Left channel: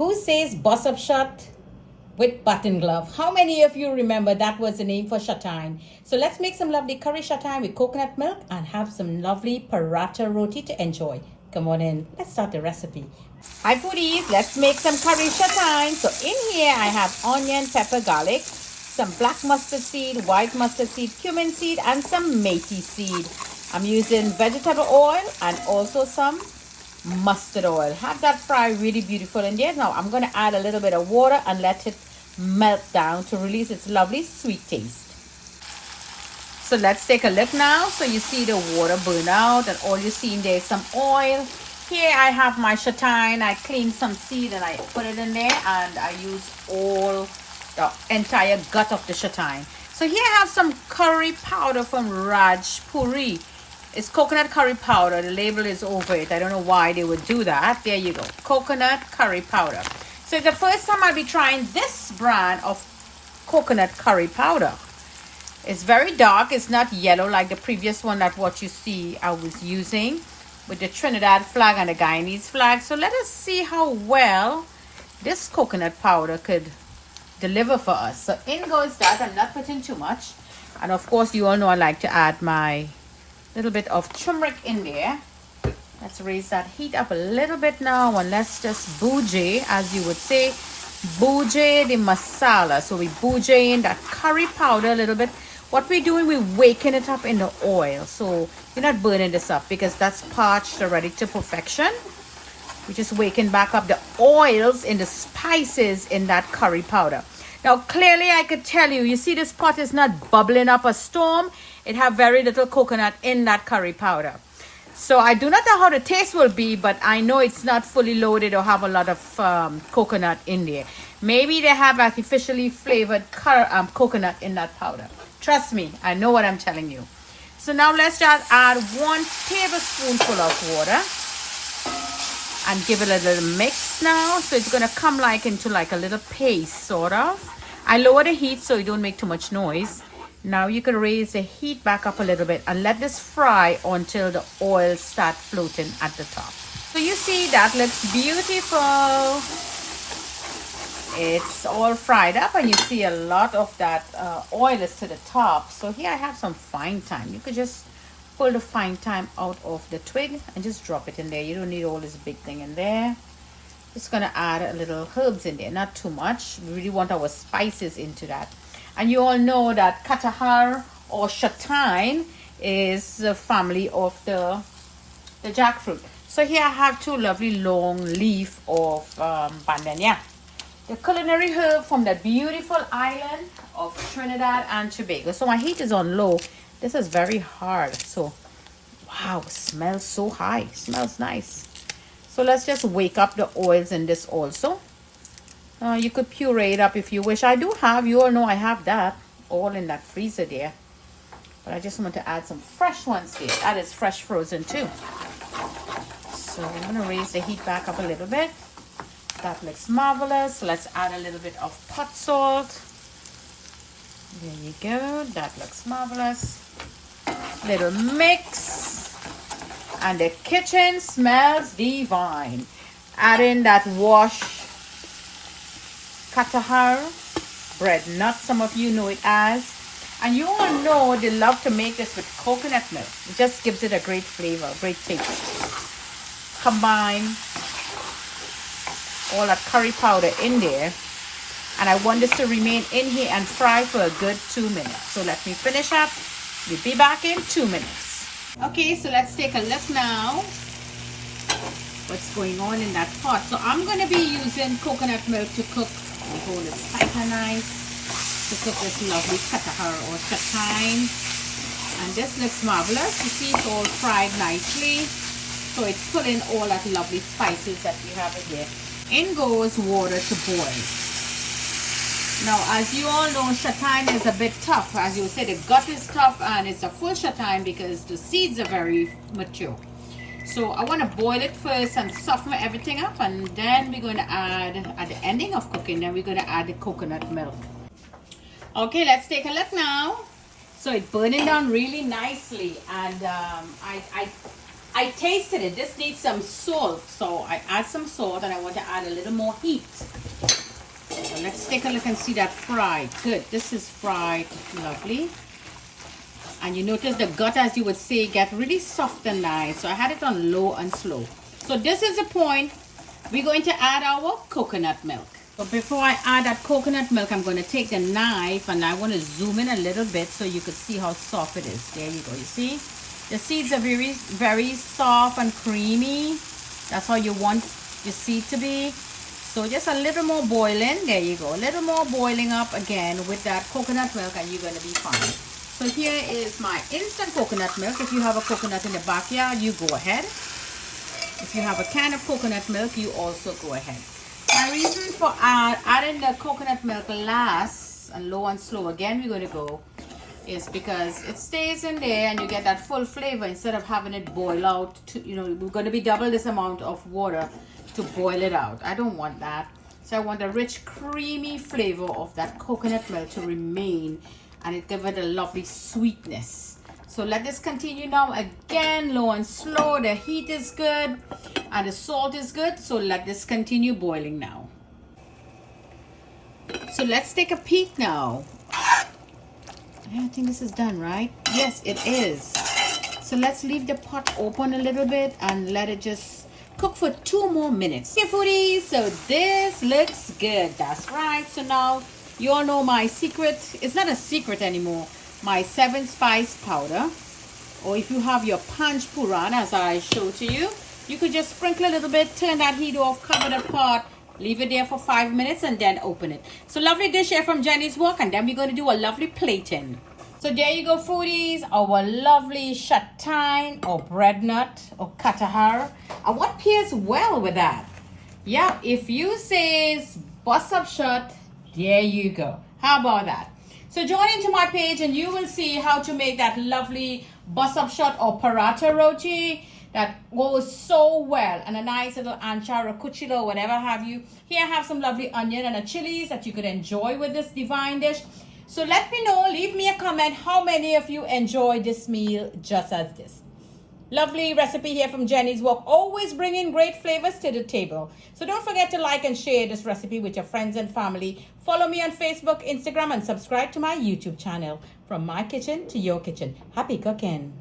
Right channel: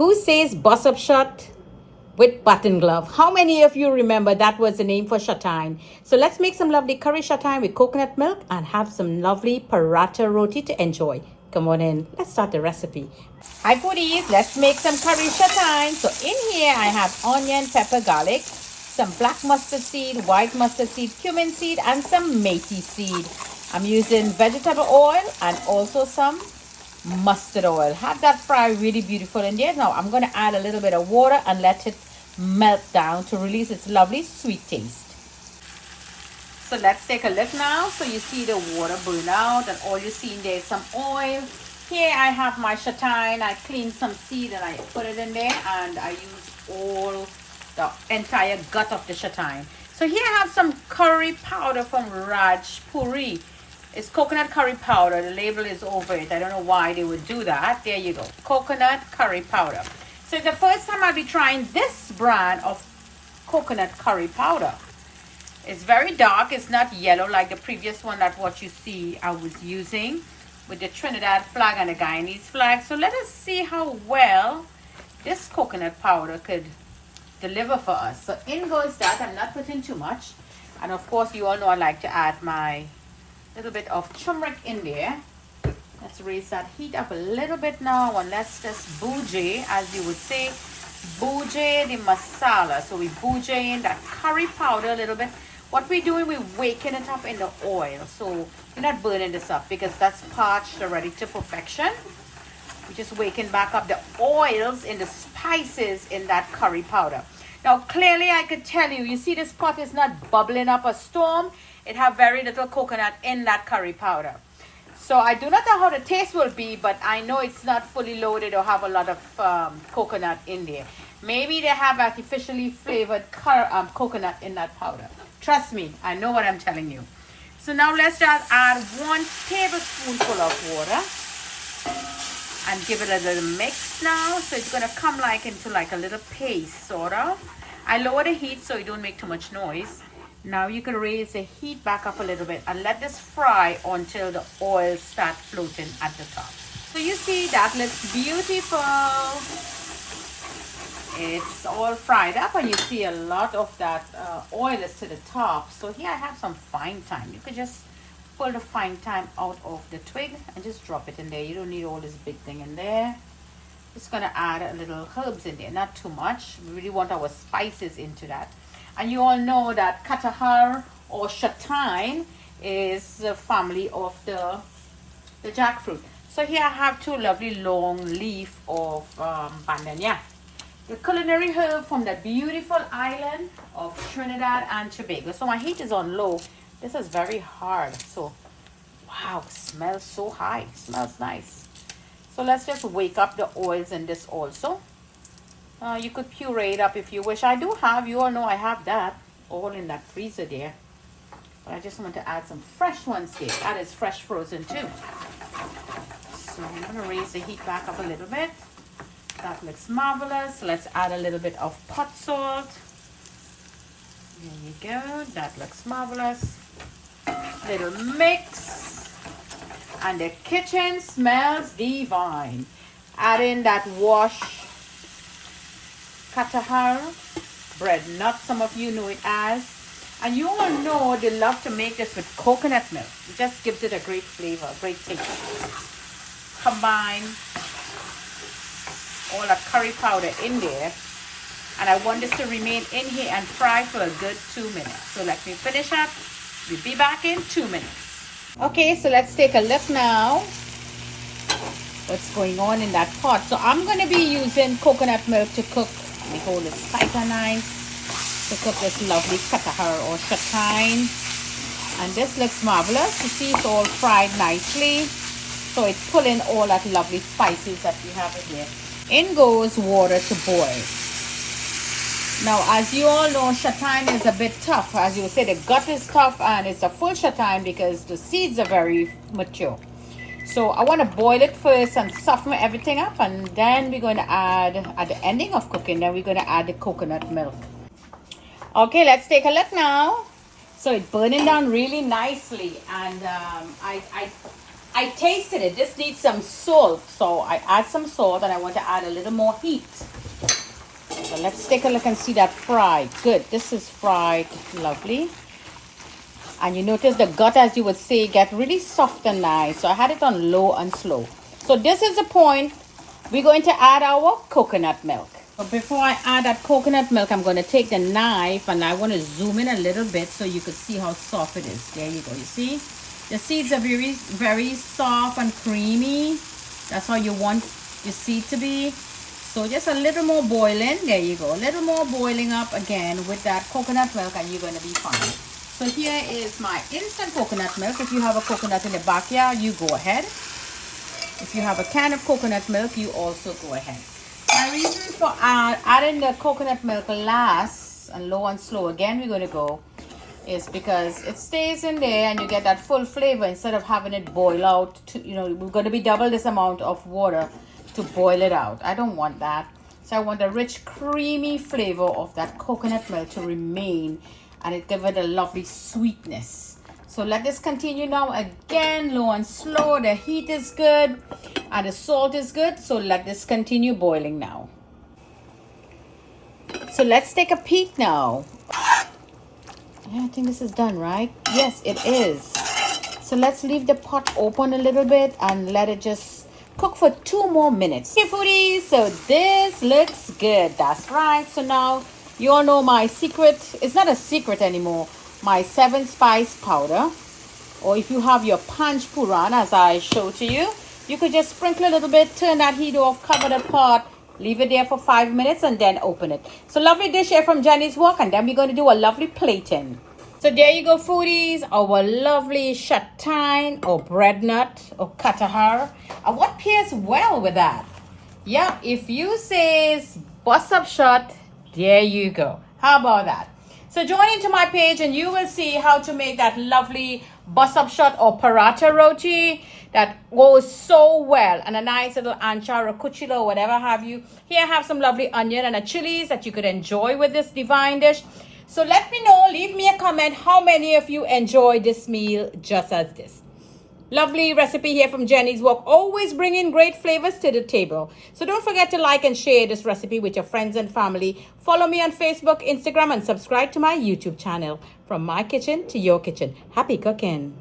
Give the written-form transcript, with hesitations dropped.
Who says bust up shot with button glove? How many of you remember that was the name for chatagine? So let's make some lovely curry chatagine with coconut milk and have some lovely parata roti to enjoy. Come on in, let's start the recipe. Hi foodies, let's make some curry chatagine. So in here I have onion, pepper, garlic, some black mustard seed, white mustard seed, cumin seed, and some methi seed. I'm using vegetable oil and also some mustard oil. Have that fry really beautiful in there. Now I'm going to add a little bit of water and let it melt down to release its lovely sweet taste. So let's take a look now. So you see the water burn out and all you see in there is some oil. Here I have my chatagine. I cleaned some seed and I put it in there, and I use all the entire gut of the chatagine. So here I have some curry powder from Raj Puri. It's coconut curry powder. The label is over it. I don't know why they would do that. There you go. Coconut curry powder. So it's the first time I'll be trying this brand of coconut curry powder. It's very dark. It's not yellow like the previous one that what you see I was using with the Trinidad flag and the Guyanese flag. So let us see how well this coconut powder could deliver for us. So in goes that. I'm not putting too much. And of course you all know I like to add my little bit of turmeric in there. Let's raise that heat up a little bit now, and let's just bougie, as you would say, bougie the masala. So we bougie in that curry powder a little bit. What we're doing, we're waking it up in the oil. So we're not burning this up because that's parched already to perfection. We're just waking back up the oils in the spices in that curry powder. Now clearly I could tell you, you see this pot is not bubbling up a storm. It have very little coconut in that curry powder. So I do not know how the taste will be, but I know it's not fully loaded or have a lot of coconut in there. Maybe they have artificially flavored coconut in that powder. Trust me, I know what I'm telling you. So now let's just add 1 tablespoonful of water and give it a little mix now. So it's going to come like into like a little paste sort of. I lower the heat so it don't make too much noise. Now you can raise the heat back up a little bit and let this fry until the oil starts floating at the top. So you see that looks beautiful. It's all fried up and you see a lot of that oil is to the top. So here I have some fine thyme. You could just pull the fine thyme out of the twig and just drop it in there. You don't need all this big thing in there. Just gonna add a little herbs in there, not too much. We really want our spices into that. And you all know that katahar or chatagine is the family of the jackfruit. So here I have 2 lovely long leaf of bandania. The culinary herb from the beautiful island of Trinidad and Tobago. So my heat is on low. This is very hard. So wow, smells so high. Smells nice. So let's just wake up the oils in this also. You could puree it up if you wish. I do have, you all know I have that all in that freezer there. But I just want to add some fresh ones here. That is fresh frozen too. So I'm going to raise the heat back up a little bit. That looks marvelous. Let's add a little bit of pot salt. There you go. That looks marvelous. Little mix. And the kitchen smells divine. Add in that washed katahar bread nut, some of you know it as, and you all know they love to make this with coconut milk. It just gives it a great flavor, great taste. Combine all that curry powder in there, and I want this to remain in here and fry for a good 2 minutes. So let me finish up. We'll be back in 2 minutes. Okay, so let's take a look now what's going on in that pot. So I'm going to be using coconut milk to cook. We hold a spiker knife to cook this lovely katahar or chatagine, and this looks marvelous. You see it's all fried nicely, so it's pulling all that lovely spices that we have in here. In goes water to boil. Now as you all know, chatagine is a bit tough. As you would say, the gut is tough, and it's a full chatagine because the seeds are very mature. So I want to boil it first and soften everything up, and then we're going to add, at the ending of cooking, then we're going to add the coconut milk. Okay, let's take a look now. So it's burning down really nicely, and I I tasted it. This needs some salt. So I add some salt and I want to add a little more heat. So let's take a look and see that fried. Good. This is fried. Lovely. And you notice the gut, as you would say, get really soft and nice. So I had it on low and slow. So this is the point. We're going to add our coconut milk. But before I add that coconut milk, I'm going to take the knife and I want to zoom in a little bit so you could see how soft it is. There you go. You see? The seeds are very, very soft and creamy. That's how you want your seed to be. So just a little more boiling. There you go. A little more boiling up again with that coconut milk and you're going to be fine. So here is my instant coconut milk. If you have a coconut in the backyard, you go ahead. If you have a can of coconut milk, you also go ahead. My reason for adding the coconut milk last and low and slow, again we're going to go, is because it stays in there and you get that full flavor instead of having it boil out. We're going to be double this amount of water to boil it out. I don't want that. So I want the rich, creamy flavor of that coconut milk to remain and it give it a lovely sweetness. So let this continue now. Again, low and slow. The heat is good and the salt is good. So let this continue boiling now. So let's take a peek now. Yeah, I think this is done, right? Yes, it is. So let's leave the pot open a little bit and let it just cook for 2 more minutes. Okay, foodies, so this looks good. That's right. So now you all know my secret. It's not a secret anymore. My 7 spice powder. Or if you have your panch puran, as I showed to you, you could just sprinkle a little bit, turn that heat off, cover the pot, leave it there for 5 minutes and then open it. So lovely dish here from Jenny's Walk, and then we're going to do a lovely plating. So there you go, foodies, our lovely chatagine or bread nut or katahar. And what pairs well with that? Yeah, if you say bust up shot, there you go. How about that? So join into my page and you will see how to make that lovely bust up shot or parata roti that goes so well, and a nice little ancha or kuchila or whatever have you. Here I have some lovely onion and a chilies that you could enjoy with this divine dish. So let me know, leave me a comment how many of you enjoy this meal just as this. Lovely recipe here from Jenny's Walk, always bringing great flavors to the table. So don't forget to like and share this recipe with your friends and family. Follow me on Facebook, Instagram, and subscribe to my YouTube channel. From my kitchen to your kitchen. Happy cooking.